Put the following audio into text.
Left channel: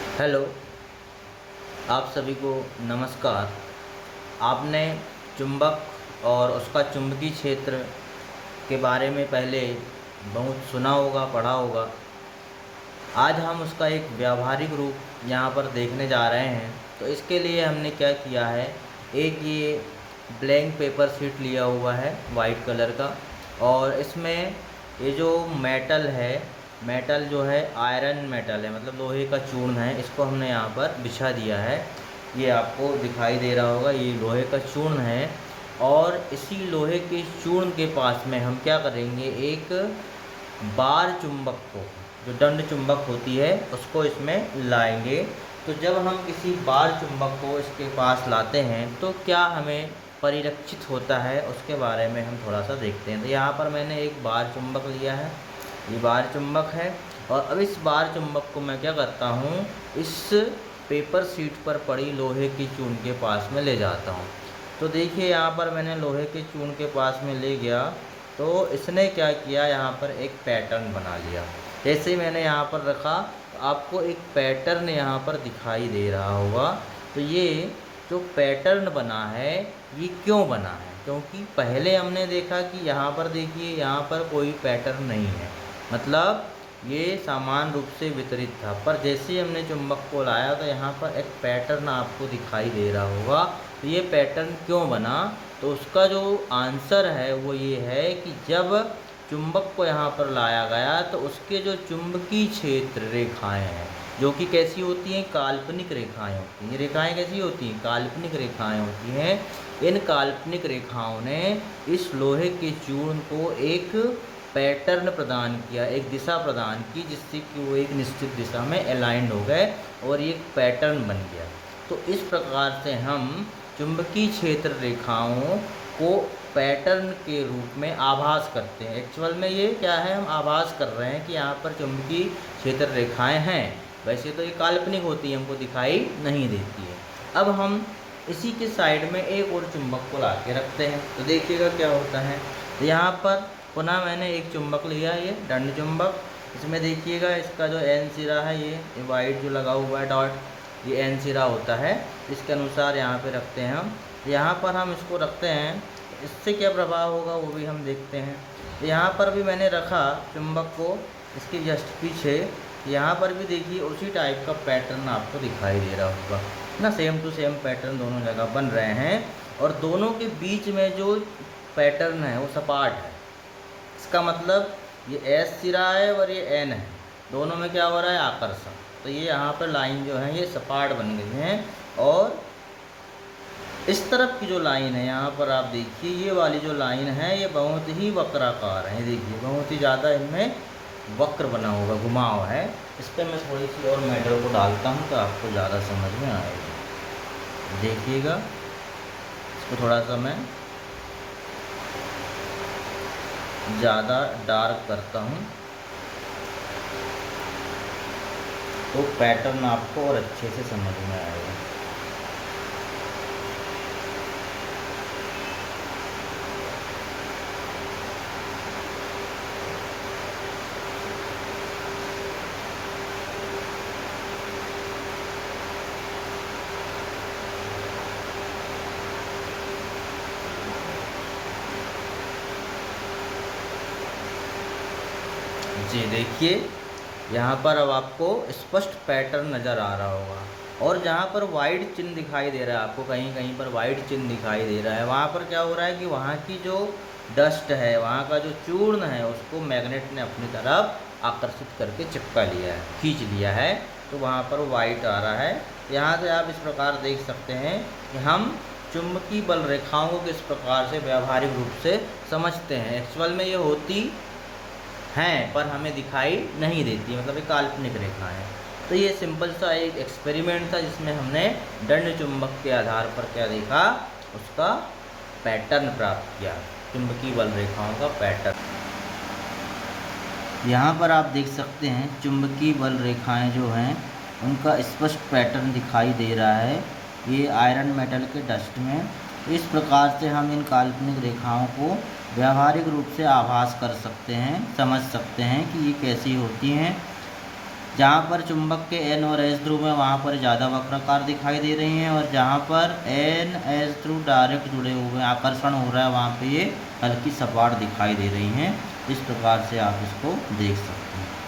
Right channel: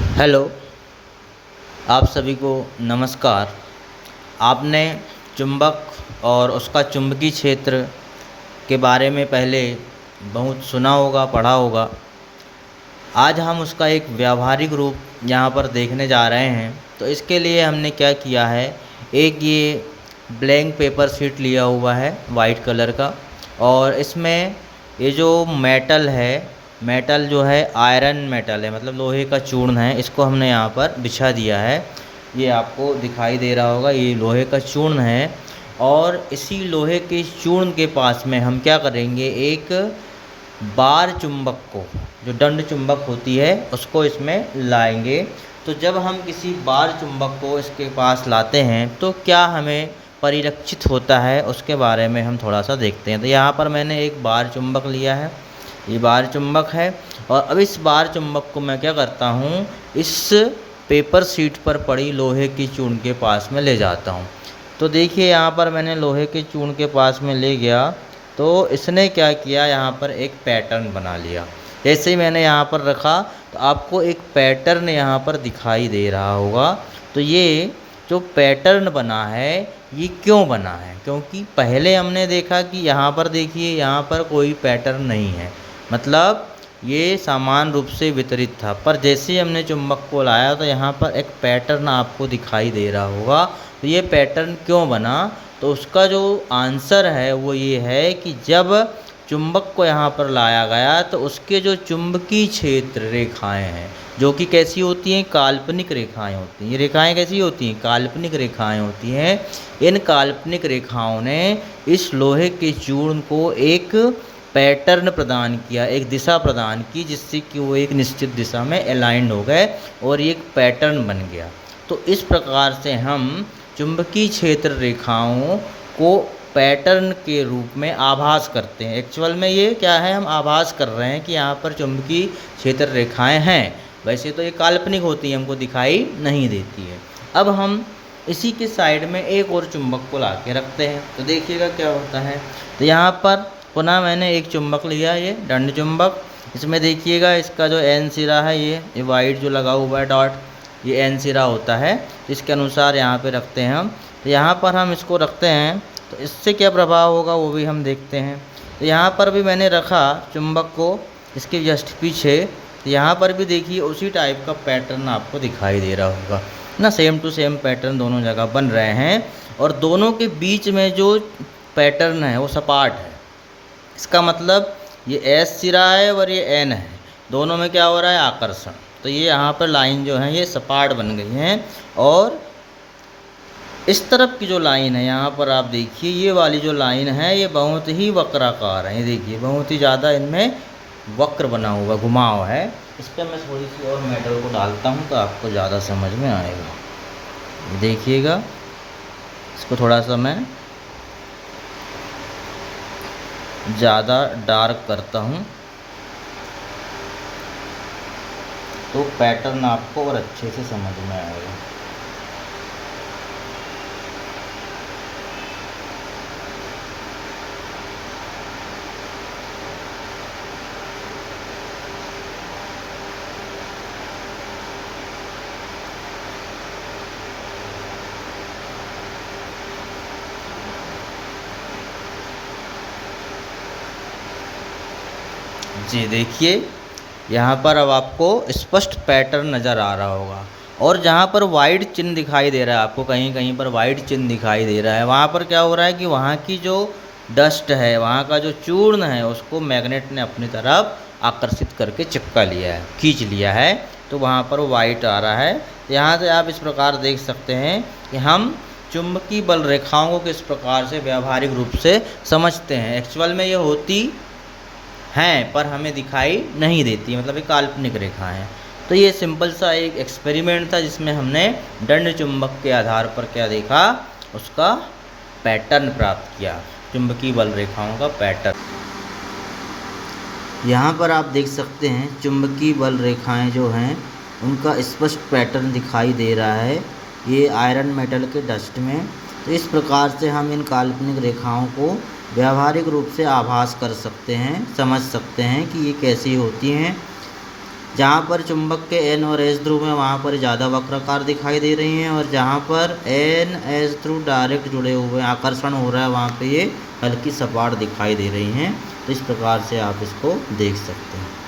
Hello, आप सभी को नमस्कार। आपने चुंबक और उसका चुंबकीय क्षेत्र के बारे में पहले बहुत सुना होगा, पढ़ा होगा। आज हम उसका एक व्यावहारिक रूप यहाँ पर देखने जा रहे हैं। तो इसके लिए हमने क्या किया है, एक ये ब्लैंक पेपर शीट लिया हुआ है वाइट कलर का, और इसमें ये जो मेटल है, मेटल जो है आयरन मेटल है, मतलब लोहे का चूर्ण है। इसको हमने यहाँ पर बिछा दिया है। ये आपको दिखाई दे रहा होगा, ये लोहे का चूर्ण है। और इसी लोहे के चूर्ण के पास में हम क्या करेंगे, एक बार चुंबक को, जो दंड चुंबक होती है, उसको इसमें लाएंगे। तो जब हम किसी बार चुंबक को इसके पास लाते हैं तो क्या हमें परिलक्षित होता है, उसके बारे में हम थोड़ा सा देखते हैं। तो यहाँ पर मैंने एक बार चुंबक लिया है, ये बार चुंबक है। और अब इस बार चुंबक को मैं क्या करता हूँ, इस पेपर शीट पर पड़ी लोहे की चूर्ण के पास में ले जाता हूँ। तो देखिए यहाँ पर मैंने लोहे के चूर्ण के पास में ले गया, तो इसने क्या किया, यहाँ पर एक पैटर्न बना लिया। जैसे ही मैंने यहाँ पर रखा तो आपको एक पैटर्न यहाँ पर दिखाई दे रहा होगा। तो ये जो पैटर्न बना है, ये क्यों बना है, क्योंकि पहले हमने देखा कि यहाँ पर देखिए, यहाँ पर कोई पैटर्न नहीं है, मतलब ये समान रूप से वितरित था। पर जैसे ही हमने चुंबक को लाया तो यहाँ पर एक पैटर्न आपको दिखाई दे रहा होगा। तो ये पैटर्न क्यों बना, तो उसका जो आंसर है वो ये है कि जब चुंबक को यहाँ पर लाया गया तो उसके जो चुंबकीय क्षेत्र रेखाएं हैं, जो कि कैसी होती हैं, काल्पनिक रेखाएं होती हैं। ये रेखाएं कैसी होती हैं, काल्पनिक रेखाएं होती हैं। इन काल्पनिक रेखाओं ने इस लोहे के चूर्ण को एक पैटर्न प्रदान किया, एक दिशा प्रदान की, जिससे कि वो एक निश्चित दिशा में अलाइंड हो गए और ये एक पैटर्न बन गया। तो इस प्रकार से हम चुंबकीय क्षेत्र रेखाओं को पैटर्न के रूप में आभास करते हैं। एक्चुअल में ये क्या है, हम आभास कर रहे हैं कि यहाँ पर चुंबकीय क्षेत्र रेखाएं हैं। वैसे तो ये काल्पनिक होती है, हमको दिखाई नहीं देती है। अब हम इसी के साइड में एक और चुंबक को ला के रखते हैं, तो देखिएगा क्या होता है। तो यहाँ पर पुनः मैंने एक चुंबक लिया, ये दंड चुंबक। इसमें देखिएगा इसका जो एन सिरा है, ये वाइट जो लगा हुआ है डॉट, ये एन सिरा होता है। इसके अनुसार यहाँ पे रखते हैं हम। तो यहाँ पर हम इसको रखते हैं, तो इससे क्या प्रभाव होगा वो भी हम देखते हैं। तो यहाँ पर भी मैंने रखा चुंबक को, इसके जस्ट पीछे। तो यहाँ पर भी देखिए उसी टाइप का पैटर्न आपको दिखाई दे रहा होगा ना, सेम टू सेम पैटर्न दोनों जगह बन रहे हैं। और दोनों के बीच में जो पैटर्न है वो सपाट है। इसका मतलब ये एस सिरा है और ये एन है, दोनों में क्या हो रहा है, आकर्षण। तो ये यहाँ पर लाइन जो है ये सपाट बन गई हैं। और इस तरफ की जो लाइन है, यहाँ पर आप देखिए, ये वाली जो लाइन है ये बहुत ही वक्राकार है। ये देखिए बहुत ही ज़्यादा इनमें वक्र बना हुआ, घुमाव है। इस पर मैं थोड़ी सी और मेटल को डालता हूँ तो आपको ज़्यादा समझ में आएगा। देखिएगा, इसको थोड़ा सा मैं ज़्यादा डार्क करता हूँ तो पैटर्न आपको और अच्छे से समझ में आएगा। जी देखिए, यहाँ पर अब आपको स्पष्ट पैटर्न नज़र आ रहा होगा। और जहाँ पर वाइट चिन्ह दिखाई दे रहा है आपको, कहीं कहीं पर वाइट चिन्ह दिखाई दे रहा है, वहाँ पर क्या हो रहा है कि वहाँ की जो डस्ट है, वहाँ का जो चूर्ण है, उसको मैग्नेट ने अपनी तरफ आकर्षित करके चिपका लिया है, खींच लिया है। तो वहाँ पर वाइट आ रहा है। यहाँ से आप इस प्रकार देख सकते हैं कि हम चुंबकीय बल रेखाओं को किस प्रकार से व्यावहारिक रूप से समझते हैं। एक्चुअल में ये होती हैं पर हमें दिखाई नहीं देती, मतलब ये काल्पनिक रेखा है। तो ये सिंपल सा एक एक्सपेरिमेंट था जिसमें हमने दंड चुंबक के आधार पर क्या देखा, उसका पैटर्न प्राप्त किया, चुंबकीय बल रेखाओं का पैटर्न। यहाँ पर आप देख सकते हैं चुंबकीय बल रेखाएं जो हैं उनका स्पष्ट पैटर्न दिखाई दे रहा है, ये आयरन मेटल के डस्ट में। तो इस प्रकार से हम इन काल्पनिक रेखाओं को व्यावहारिक रूप से आभास कर सकते हैं, समझ सकते हैं कि ये कैसी होती हैं। जहाँ पर चुंबक के N और S ध्रुव हैं वहाँ पर ज़्यादा वक्राकार दिखाई दे रही हैं, और जहाँ पर N S ध्रुव डायरेक्ट जुड़े हुए हैं, आकर्षण हो रहा है, वहाँ पे ये हल्की सपाट दिखाई दे रही हैं। इस प्रकार से आप इसको देख सकते हैं।